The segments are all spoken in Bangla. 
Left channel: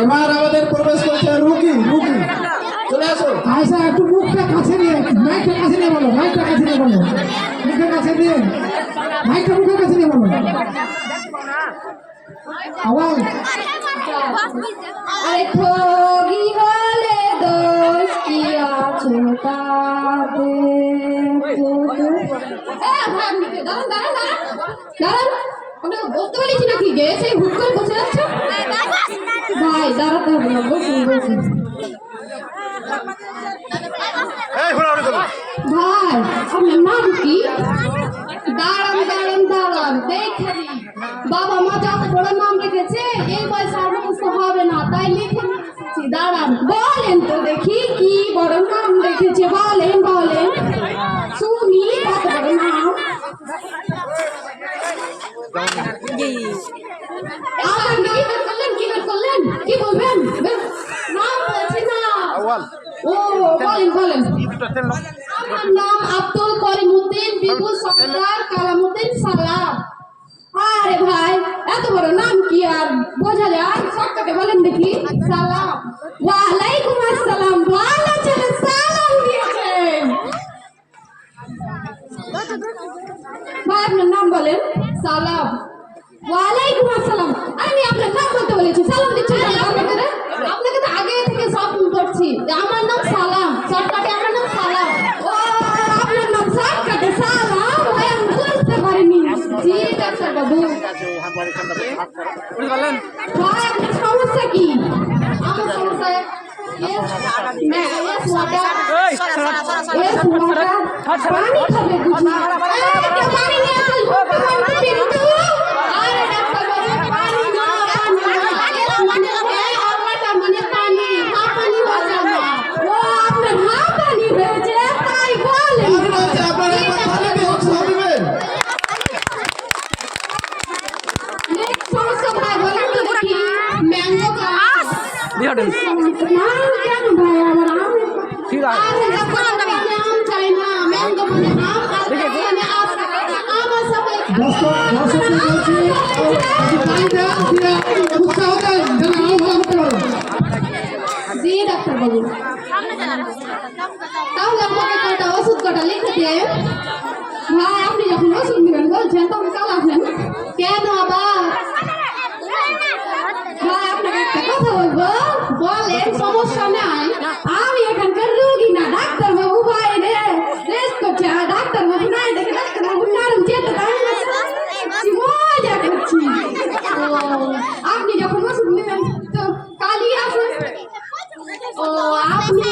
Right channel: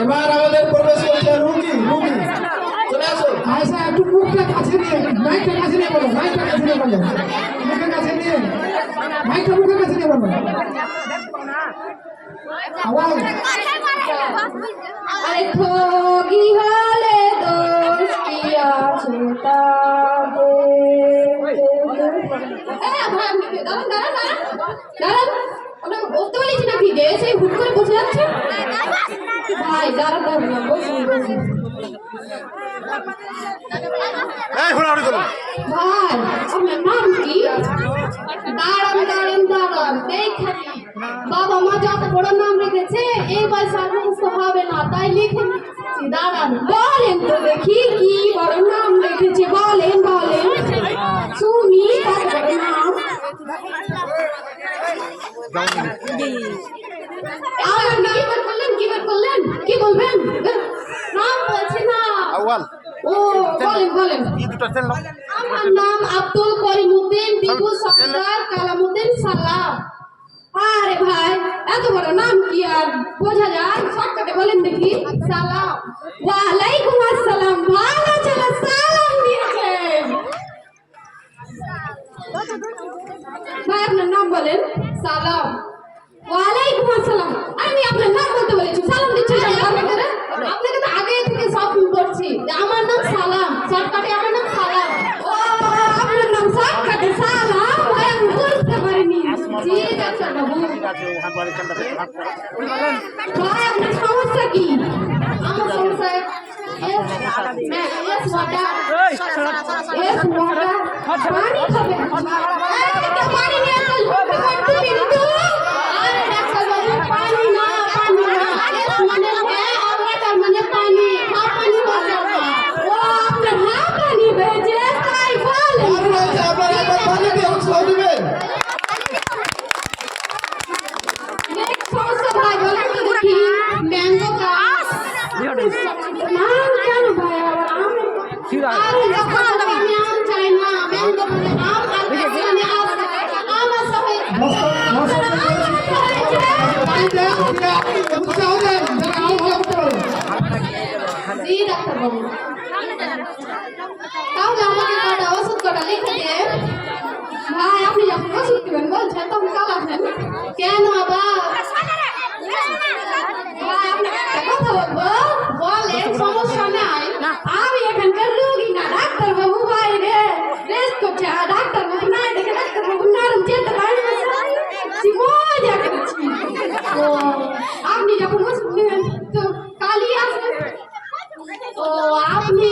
এবার আমাদের প্রবেশ করছে রুকি রুকি চলে আসো আয়সা একটু মুখটা কাছে নিয়ে মাইকটা কাছে নিয়ে বলো মাইকটা কাছে নিয়ে বলো মুখের কাছে নিয়ে মাইকটা মুখের কাছে নিয়ে বলো আওয়াজ अरे ठगी वाले दोस्त किया चिंता दे আপনাকে বলতে পারছি নাকি যে সেই হুট করে বসে যাচ্ছে ভাই দাঁড়াতে হবে না বসুন বসুন ভাই আপনার নাম কি দাঁড়ান দাঁড়ান দাঁড়ান দেখেন বাবা মা যত বড় নাম রেখেছে এই বয়সে আর মুখস্থ হবে না তাই লিখে নিচ্ছি দাঁড়ান বলেন তো দেখি কি বড় নাম রেখেছে বলেন বলেন শুনি কত বড় নাম আমার কি করলেন কি বলবেন নাম বলছে না ও বলেন বলেন আমার নাম আব্দুল করিমউদ্দিন বিপুল সরদার কালামউদ্দিন সালাম আরে ভাই এত বড় নাম কি আর বোঝা যায় শর্টকাটে বলেন দেখি সালাম ওয়ালাইকুম আসসালাম ভালো ছেলে সালাম দিয়েছেন ভাই আপনার নাম বলেন সালাম ওয়ালাইকুম আসসালাম আমি আপনার নাম বলতে বলেছি সালাম দিচ্ছি আপনাকে তো আগে থেকে সব করছি আমার নাম সালাম শর্টকাটে আমার নাম সালাম ও আপনার নাম শর্টকাটে সালাম ভাই আমি বুঝতে পারিনি জি ডাক্তার বাবু ভাই আপনার সমস্যা কি আমার সমস্যা পানি খাবে বুঝি পানি নিয়ে চল আরে ডাক্তার বাবু পানি না মানে হ্যাঁ আর মানে পানি না পানি হয়ে যাবে ও আপনার না পানি হয়েছে তাই বলেন পানি দিয়ে উৎসাহ দিবে সমস্যা ভাই বলেন তো দেখি ম্যাঙ্গো গাছ না কেন ভাই কি ভাই আম চাই না ম্যাঙ্গো বলে আম আর এখানে আমার সাথে দর্শকদের বলছি পানি দেন দিয়া উৎসাহ দেন যেন আরো ভালো করতে পারো জি ডাক্তার বাবু তাহলে আমাকে কটা ওষুধ কটা লিখে দে ভাই আপনি যখন ওষুধ নেবেন বলছেন তখন কাল আসেন কেন আবার ভাই আপনাকে একটা কথা বলবো বলেন সমস্যা নাই আমি এখানকার রোগী না ডাক্তার বাবু বাইরে রেস্ট করছে আর ডাক্তার বাবু নাই দেখে ডাক্তার বাবু নরম চেতে মজা করছি আপনি যখন ওষুধ নেবেন তো কালই আসুন ও আপনি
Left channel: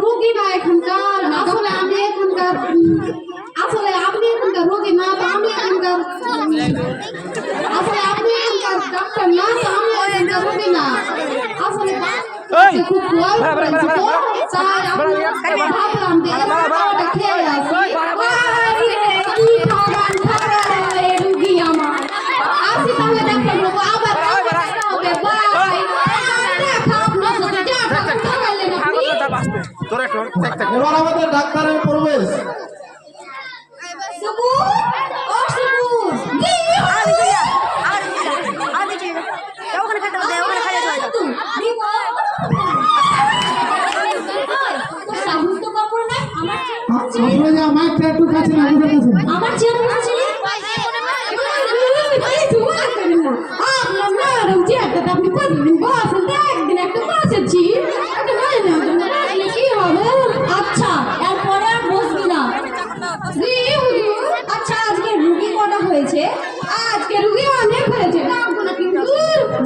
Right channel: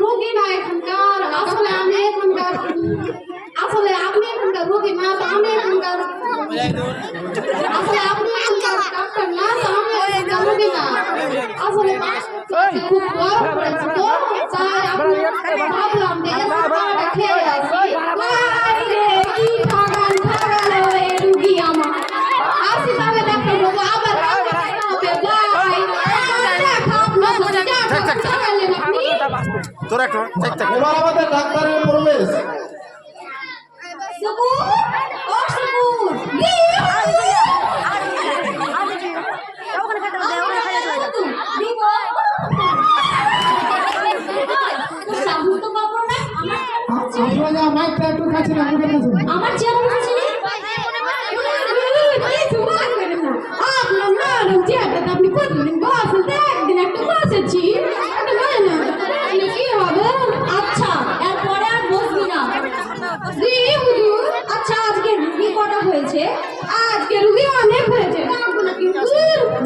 রোগী না এখানকার আসলে আপনি এখানকার রোগী না তো আমি এখানকার আসলে আপনি এখানকার ডাক্তার না তো আমি এখানকার রোগী না আসলে খুব বড় করেছে তো তাই আপনার ভাবলাম যে এবার খেয়ে আসি কি ঠাগান রুগী আমার আসি তাহলে ডাক্তার বাবু আবার হবে এবার আমাদের ডাক্তারের প্রবেশ আপনারা মাইকটা একটু কাছে না মুখের কাছে আমার চেয়ার বসেছি আপনি প্রতিদিন বসেন একদিন একটু বসেছি কি হবে আচ্ছা এরপরে আর বসবি না আচ্ছা আজকে রুগী কটা হয়েছে আজকে রুগী অনেক হয়েছে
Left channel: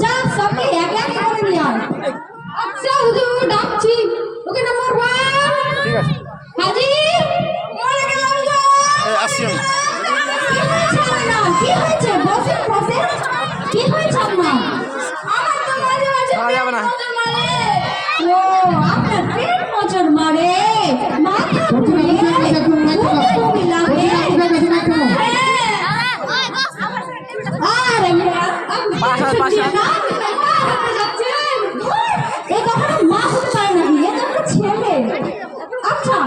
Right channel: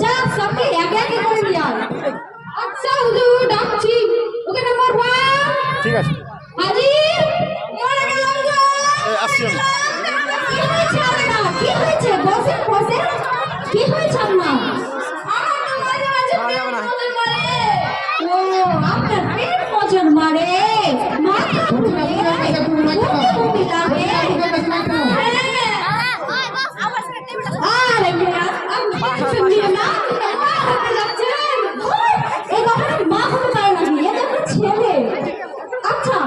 যা সবকে এক এক করে নিয়ে আন আচ্ছা হুজুর ডাকছি ওকে নাম্বার 1 ঠিক আছে হাজির আসছি কি হয়েছে বসে বসে কি হয়েছে আপনার ও আপনার পেট মজুর মারে মাথা ছেলে আচ্ছা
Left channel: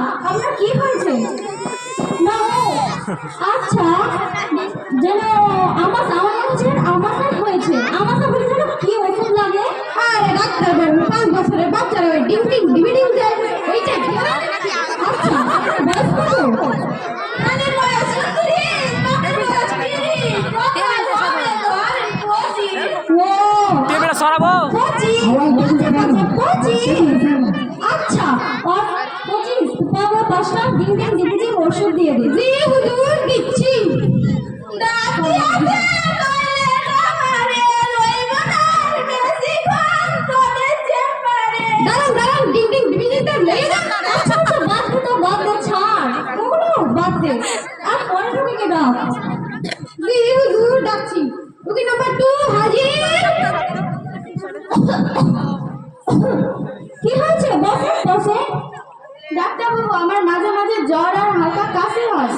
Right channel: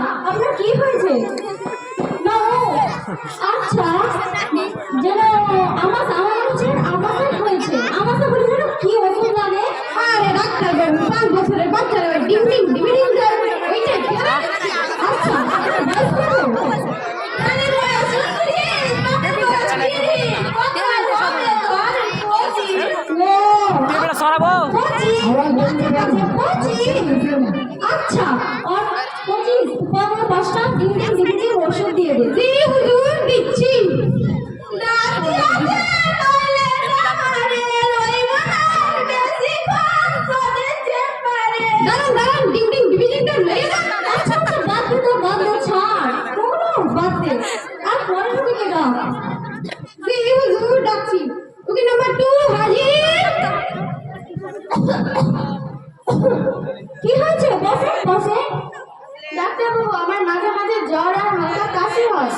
ডাক্তারবাবু, আমার মাঝে মাঝে জ্বর আর হালকা কাশি হয়।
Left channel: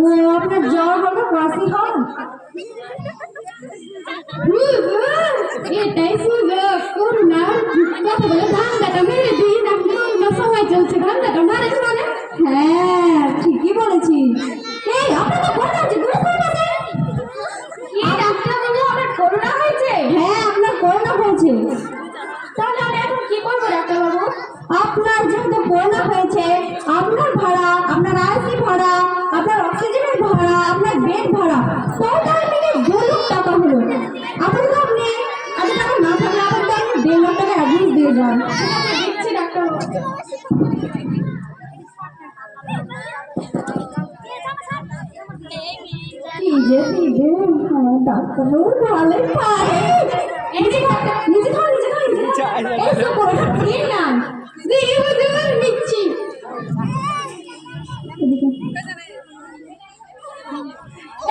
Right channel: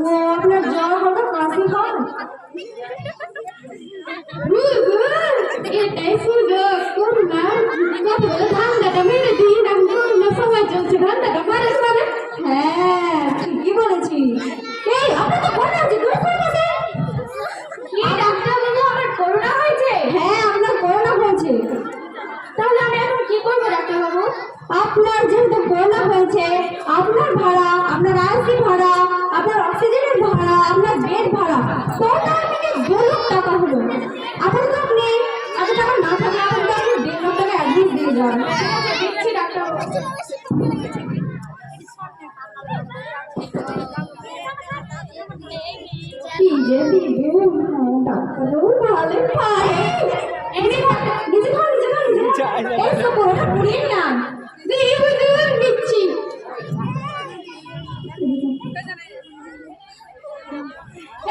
ও, আপনার জ্বর হালকা কাশি হয়? এটাই করুণা। কথা বলে ঠান্ডাটা মেরে দিই, এখন করোনার সময় চলছে, ঠান্ডাটা মারে মানে। হ্যাঁ, ঠিকই বলেছি। এই, আপনি তো বললেন যে করোনা হয়েছে। কি ডাক্তারবাবু, আমার করোনা হয়েছে? হ্যাঁ, আপনার করোনা হয়েছে। তাহলে আমি এখন কি করবো ডাক্তারবাবু? আপনার যেহেতু করোনা হয়েছে, আপনার ভাড়া, আপনার আইসি ভাড়া, আপনার অক্সিজেনের ভাড়া, আপনার বেড ভাড়া টোটাল মিলে 2 লাখ টাকা হলো। আপাতত আপনি এত টাকা না থাকলে আপাতত আপনি 1.5 লাখ টাকা অ্যাডভান্স দিয়ে যান। ঠিক আছে, দিচ্ছি ডাক্তারবাবু। কি যে দিবে ডাক্তারবাবু, ভালো পায়। এই যে নিজে খাও, নিজে খাও, নিজে খাও। এই যে করে দিন না, দিয়ে বুঝুন দিচ্ছি।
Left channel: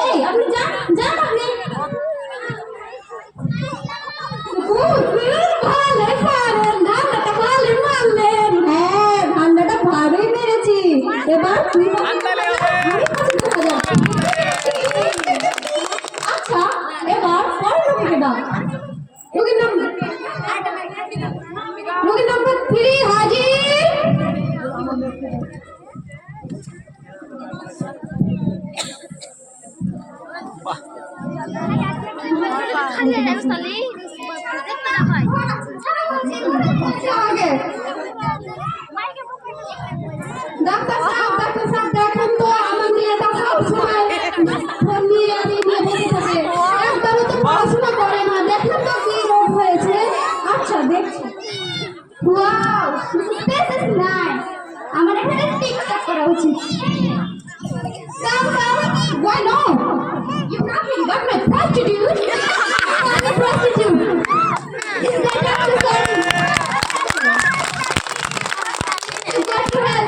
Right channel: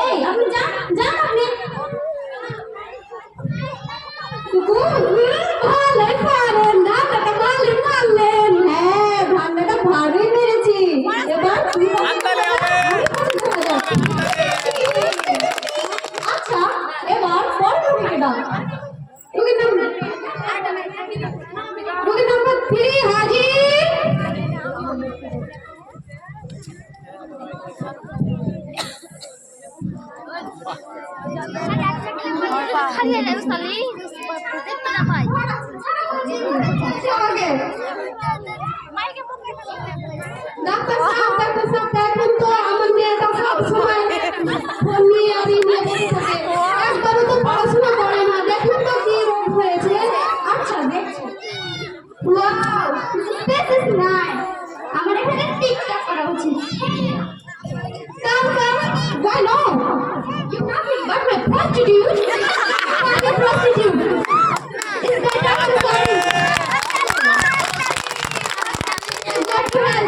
এই, আপনি যান যান আপনি। ভালো পারেন, ঠান্ডাটা ভালো মারলেন। হ্যাঁ, ঠান্ডাটা ভালোই মেরেছি। এবার তুই আচ্ছা, এবার ফল রুগীকে দাও। রুগীর নাম্বার 3 হাজির। Kalian harus tali, sebab kita berapa? Doctor সাহেব দেখুন তো, আমার মেয়েটা সবসময় ফোন নিয়ে বসে থাকে। একবারও তো পড়াশোনা করে না। দেখুন তো কি রোগ হয়েছে। আচ্ছা, দেখছি। Wow, this is nice. আমার এখানে টিকটক করা উচিত। Come, why not? You're nothing but my prostitute. I'm a prostitute. Is that Dr. Sari? Is that right?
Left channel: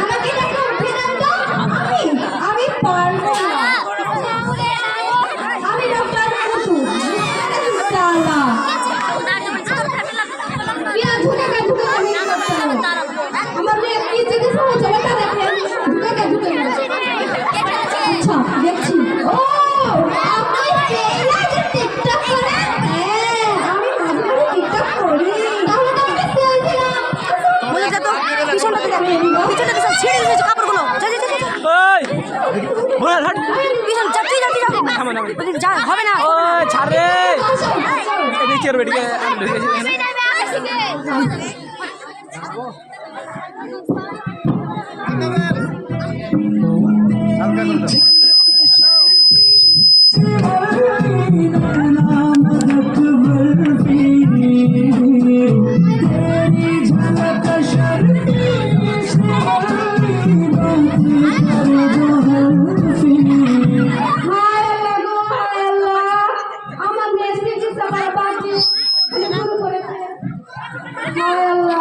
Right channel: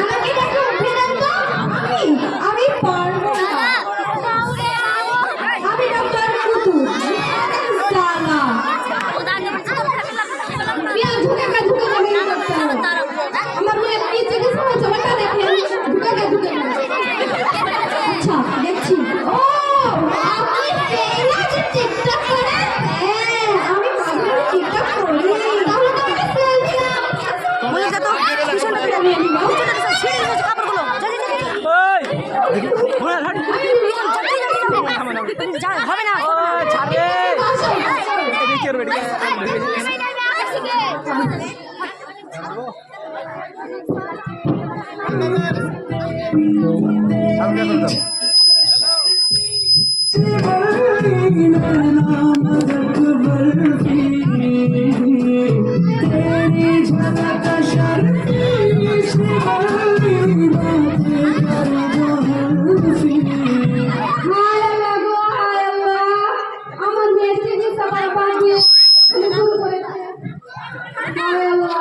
আমাকে টাকা উঠিয়ে দাও তো। আমি পারবো না। আমি ডাক্তার কুতু। শালা। বিয়া ঝুঁকে আমার মেয়ে কি চিকিৎসা হচ্ছে ওটা দেখেন। ঝুঁকে আচ্ছা, দেখছি। ও, আপনি ফেসবুকে টিকটক করেন? হ্যাঁ, আমি মাঝে মাঝে টিকটক করি। তাহলে তো আমাকে সেলফি দাও। বলে যা তো পিছনটা তুই পিছনটা সব ছিঁড়ে গেছে কাপড়গুলো। যা যা যা ওই বল হাট পিছন যাচ্ছি যা হবে না ছাড় রে এদিকে আর বেডিকে আমার মেয়ে চিকিৎসা করা বাদ দিয়ে শুরু করেছে। হায় আল্লাহ।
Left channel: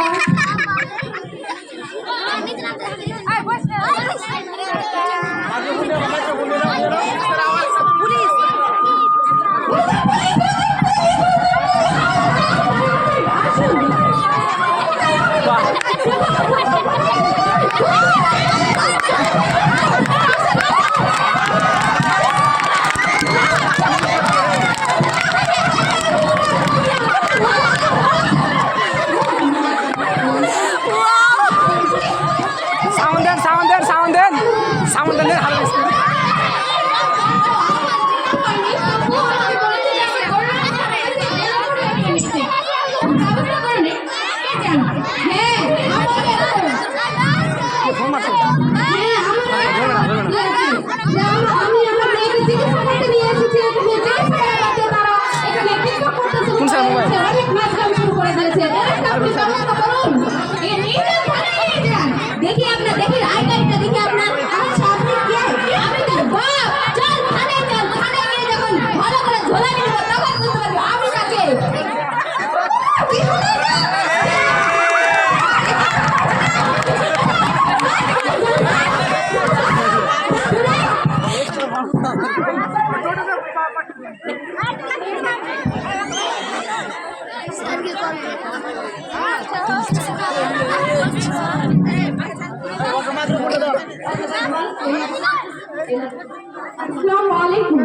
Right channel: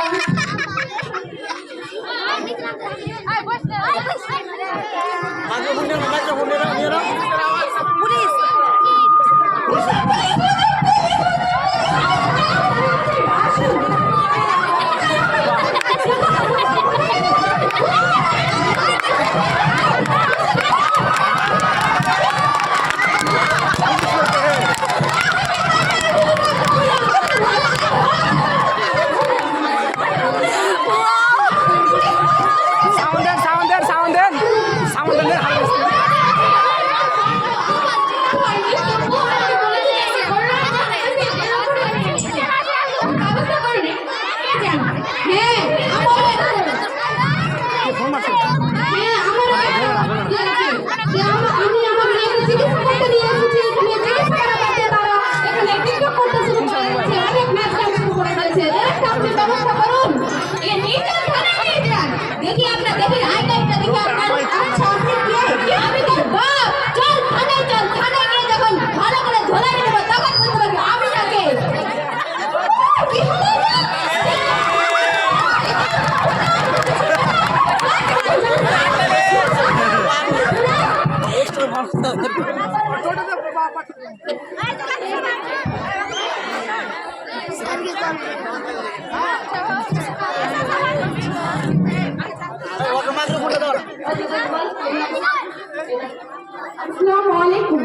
আসসালামু আলাইকুম।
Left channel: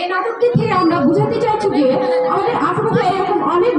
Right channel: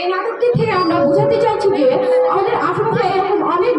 এই নাটকটি থেকে আমরা বোঝাতে চাইছি যে আমাদের আশেপাশে এরকম অনেক